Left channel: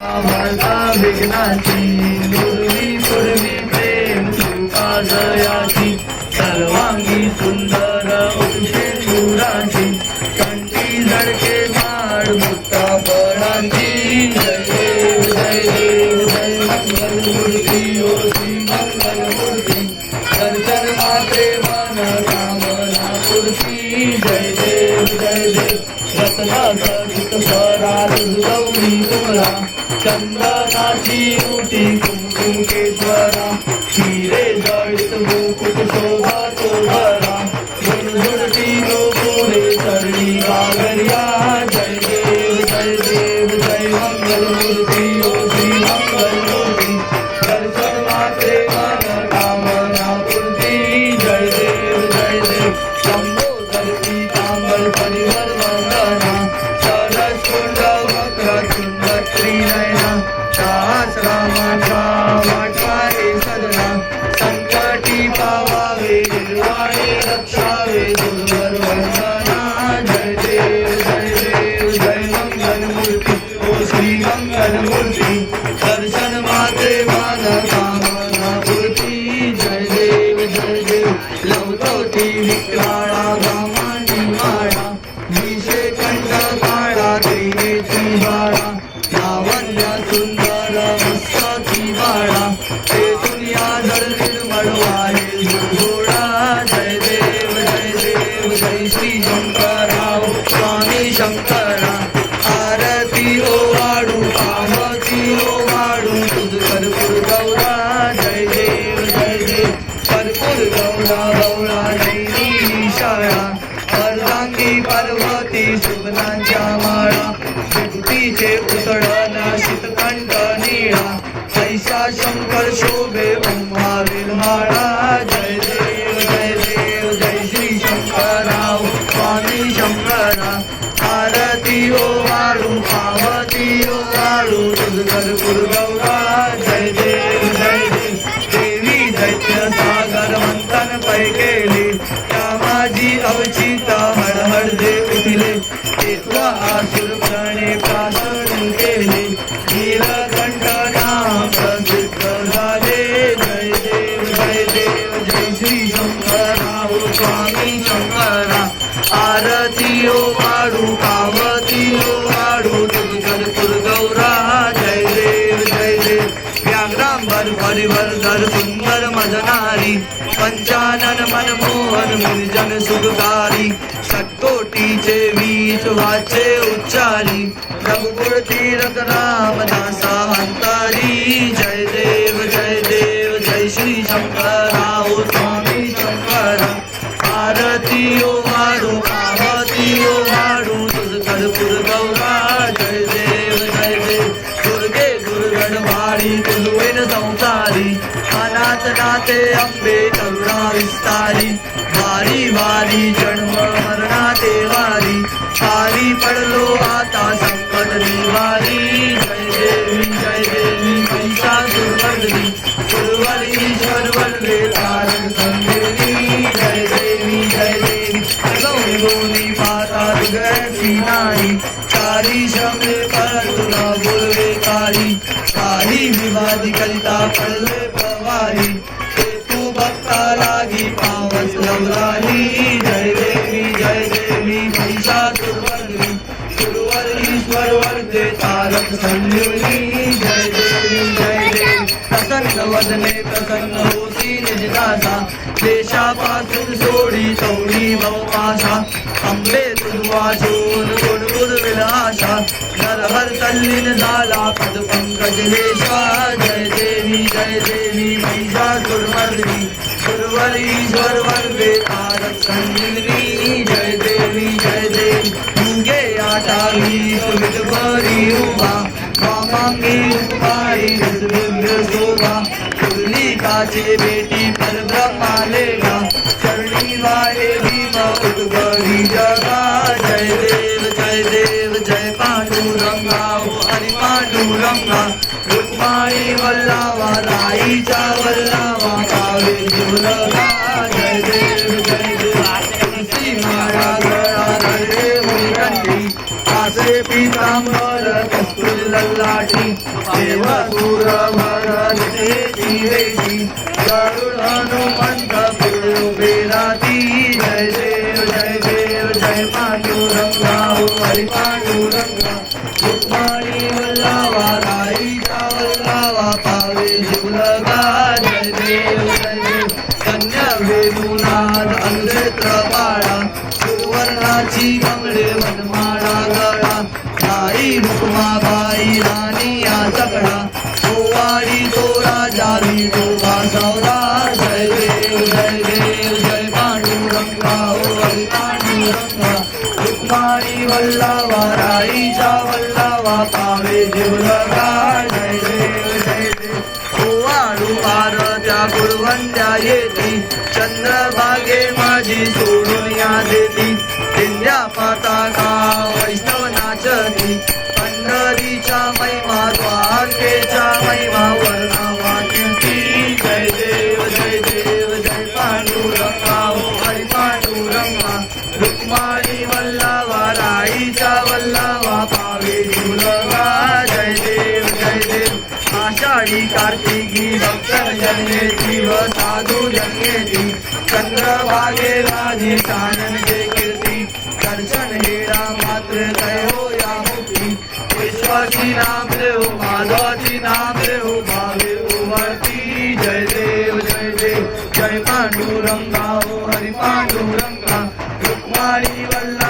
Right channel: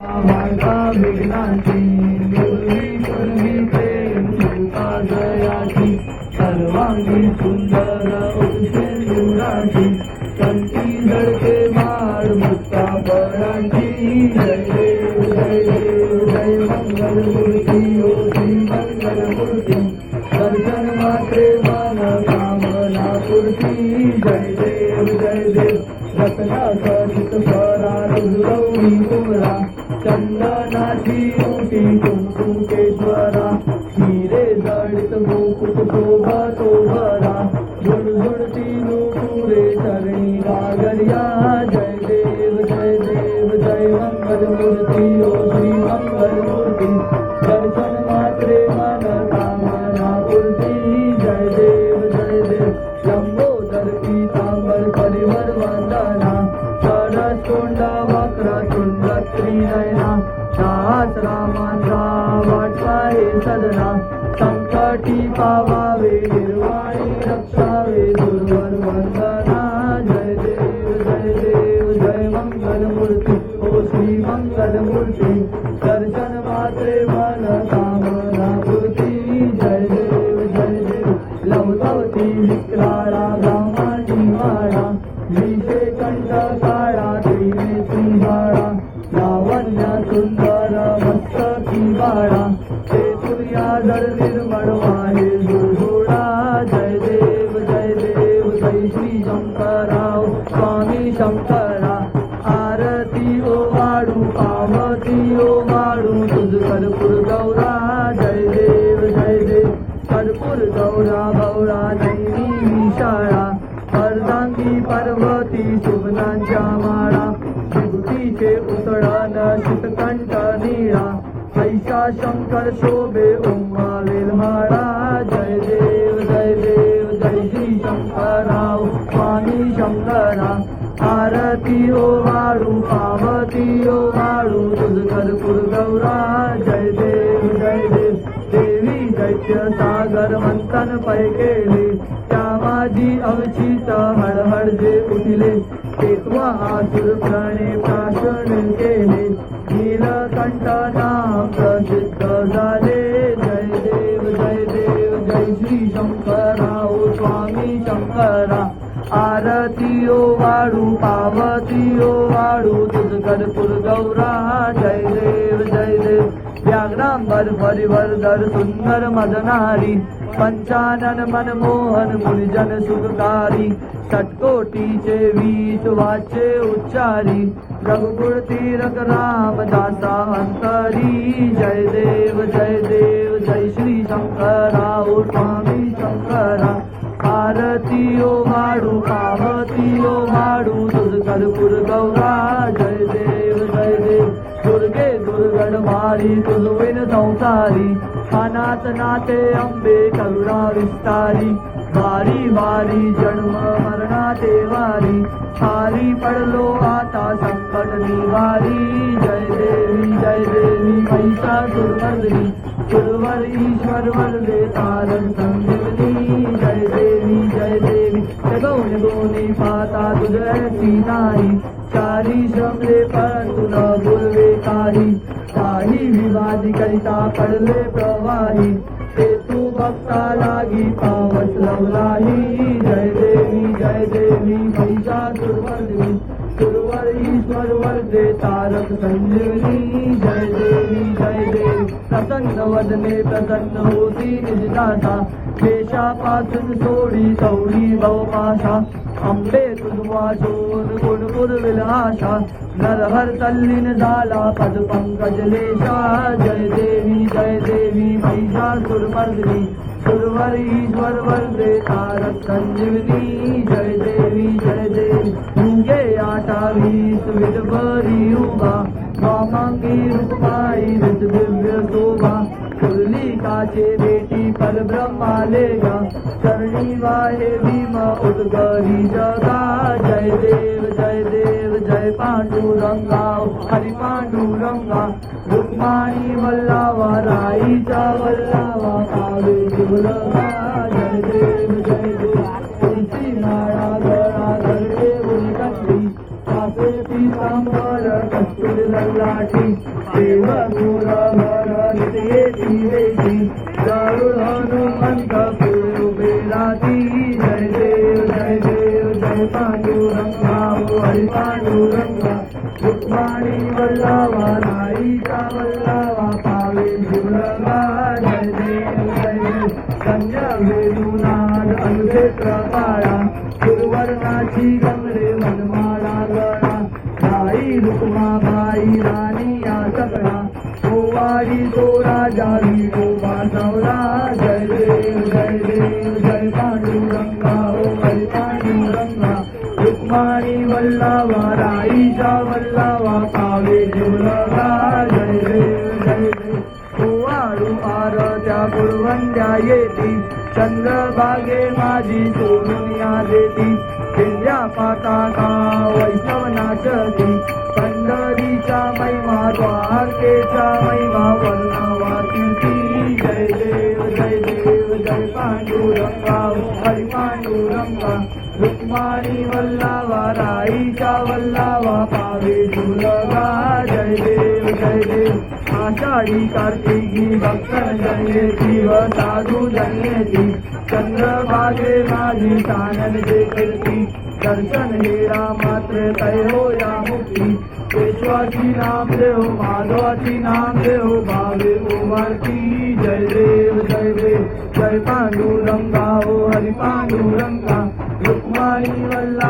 वार्ता विघ्नाची पूर्वी प्रेम कृपाजयाची सर्वांगी सुंदर औषेंदुराची कंठी जडके माड मुक्ता परांची जय देव जय देव जय मंगलमूर्ती ओ श्री मंगलमूर्ती दर्शन मात्रे मन कामना पूर्ती जय देव जय देव रत्नाचा चितस्वरात जुळवली तुम्हाला चंदनाची उठी कुंकुमेश्वरा हिरे जडित मुकुट शोभतो भरा झुणझुणती गोकुळे सरणी गागरिया जय देव जय मंगलमूर्ती ओ श्री मंगलमूर्ती दर्शन मात्रे मन कामना पूर्ती जय देव लंबोदरी तांबल परिवर वंदना सरस्कुंड वक्रतुंड त्रिनयना सहस्रमाचा वाटवारे सदना संकटी पावावे निर्वाणी रक्षावे दुर्वर वंदना जय देव जय मंगलमूर्ती ओ श्री मंगलमूर्ती दर्शन मात्रे मन कामना पूर्ती जय देव लवतवती विक्राळा ब्रह्मांडी माळा विषे कंठ काळा त्रिनेत्री बाळा लावण्य सुंदर मस्तकी बाळा ते दुनिया जड निर्मळ वाहे जोडा जय देव जय श्री शंकरराव स्वामी शंकरा आरती ओ वाडू आरती ओ वाडू तुझ कर्पूर गौरा जय देव कर्पूर गौरा गौरा नैनी शाळा अर्धांगी पार्वती सुमनांच्या माळा विभूतीचे उतडण शीतकंठ निळा ऐसा शंकर शोभे ओंवावेल हाळा जय देव जय श्री शंकरराव स्वामी शंकरा आरती ओ वाडू पावती ओ वाडू तुझ कर्पूर गौरा जय देव देवी दैत्य सागर मंथन पै केले त्या माझी अवचित हडहड जे उठले तेत्वा आसुर प्रणे पासून केले नीलकंठ नाम प्रसिद्ध झाले जय देव जय श्री शंकरराव स्वामी शंकरा आरती ओ वाडू पावती ओ वाडू तुझ कर्पूर गौरा जय देव व्याघ्रांबर परिवर्धर सुंदर मजनारी पंचानन मनमोहन निर्जन सुखकारी षट्कोटीचे वीज वाचे उच्चारी रघुकुळ तीरक रामदासा अंतरी जय देव जय श्री शंकरराव स्वामी शंकरा आरती ओ वाडू पावती ओ वाडू तुझ कर्पूर गौरा जय देव दुर्गे दुर्गणवाडी तुलवेन संसारी अनाथ नाते अंबे करुणा विस्तारी वारी वारी जन्म मरणाते वारी वारी पडलो आता संकट निवारी जय देवी महिषासुरमर्दिनी सुरवर ईश्वर वरदे तारक संगिनी जय देवी दोन्ही पाता तुझी नाही चारी श्रमले परंतु न बोलवे काही विवादी करिता पडले प्रवाही ते तू भक्ता लागी पावस लवलाही जय देवी महिषासुरमर्दिनी सुरवर ईश्वर वरदे तारक संजीवनी जय देवी प्रसन्न वदने प्रसन्न होती निजदासा देशापासून सोडी तवडी भवपाशा अंबे तुझवा शोन गुणगुण विलासा नरहर तल्लीन झाला पद पंकज लेशा जय देवी महिषासुरमर्दिनी सुरवर ईश्वर वरदे तारक संजीवनी जय देवी युगे आटावी सुविध बरी उभा वामांगी उपकारी दिव्य शोभा काचे बेटी पर ब्रह्मालेगा चरणी वाहे भीम उद्गरी जगा जय देव जय पांडुरंगा हरि पांडुरंगा रुक्माणी वल्लावा राईचा वल्लावा कावे दुर्लभा जय देव तुलसी माळा गळा गळे होई कासे पीतांबर कस्तुरी लल्लाठी देवसुर भरते वेशी गरुड हनुमंत पुढे राती जय देव जय पांडुरंगा हरी पांडुरंगा रुक्माणी वल्लवा राईचा वल्लवा पावे शिवलगा जय देव कन्या वेणुनाद अनुक्षेत्र बाळा सुरवर्णाची कमळे वनमाळा गळा बाई रुक्माबाई राणी या चकडा ओवाळी तो राजा विठो वासवला जय देव जय पांडुरंगा हरी पांडुरंगा रुक्माणी वल्लवा राईचा वल्लवा पावे जीवलगा जय देव ओवाळू आरत्या गुरवंद्या येती चंद्रभागे माझी सोडून या देती दिंड्या पाताका वैष्णव नाचती पंढरीच्या महिमा द्वारकेच्या महिमा वर्णावा कीर्ती जय देव जय पांडुरंगा हरी पांडुरंगा रुक्माणी वल्लवा राईचा वल्लवा पावे जीवलगा जय देव आषाढी कार्तिकी भक्तन जन्मेती व साधू जन्मेती चंद्रभागे माझी सानंदे कीर्ती दर्शन हेरा मात्र तय हो या मुक्ती केशवाची नाम देव माधवाची नाम देव भावे उमरती जय देव जय पांडुरंगा हरी पांडुरंगा रुक्माणी वल्लवा